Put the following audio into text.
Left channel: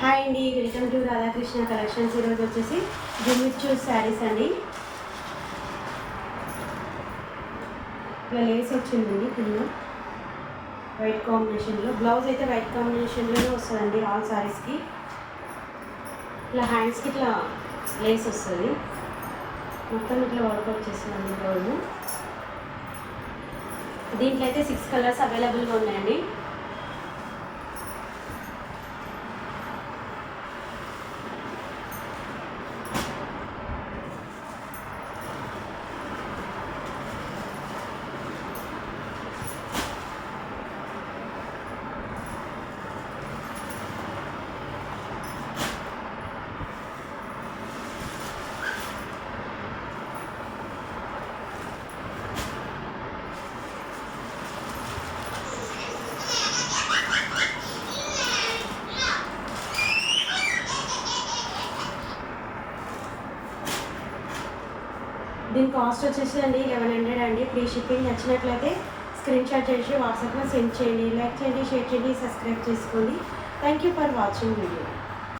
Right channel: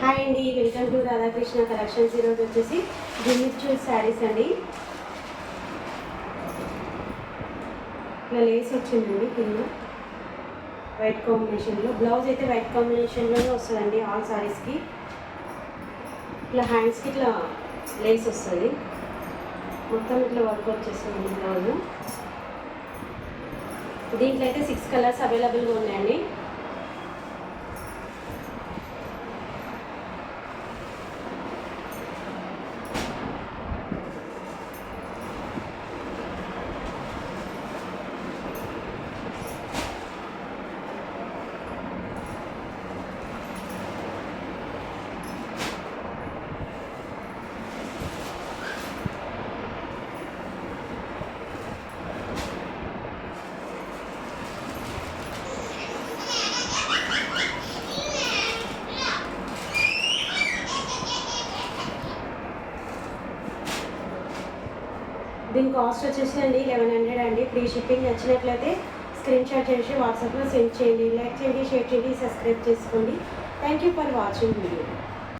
హాయ్ అండి, welcome to Radhakrishna కలెక్షన్స్. ఈరోజు వచ్చేసి జిమ్మిచ్ చూస్ శారీస్ అండి. ఇలా లేస్ వచ్చిందండి కింద వైట్ కాంబినేషన్లో. బ్లౌజ్ అయితే వైట్ కాంబినేషన్లోనే వస్తుందండి ఆల్ శారీస్కి. ఇట్లా హ్యాండ్స్కి ఇట్లా లేస్ వస్తుంది, మొత్తం ఇట్లా వర్క్ వచ్చేస్తుందండి బ్లౌజ్. దీంట్లో అయితే 6 కలర్స్ అవైలబుల్గా ఉన్నాయండి. దీని కాస్ట్ వచ్చేసి అండి 1100 అండి. Free shipping. నచ్చినట్లయితే స్క్రీన్ షాట్ చేసి వాట్సాప్లో సెండ్ చేయండి. లైక్ చేయండి, షేర్ చేయండి, సబ్స్క్రైబ్ చేసుకోండి. Thank you for watching video.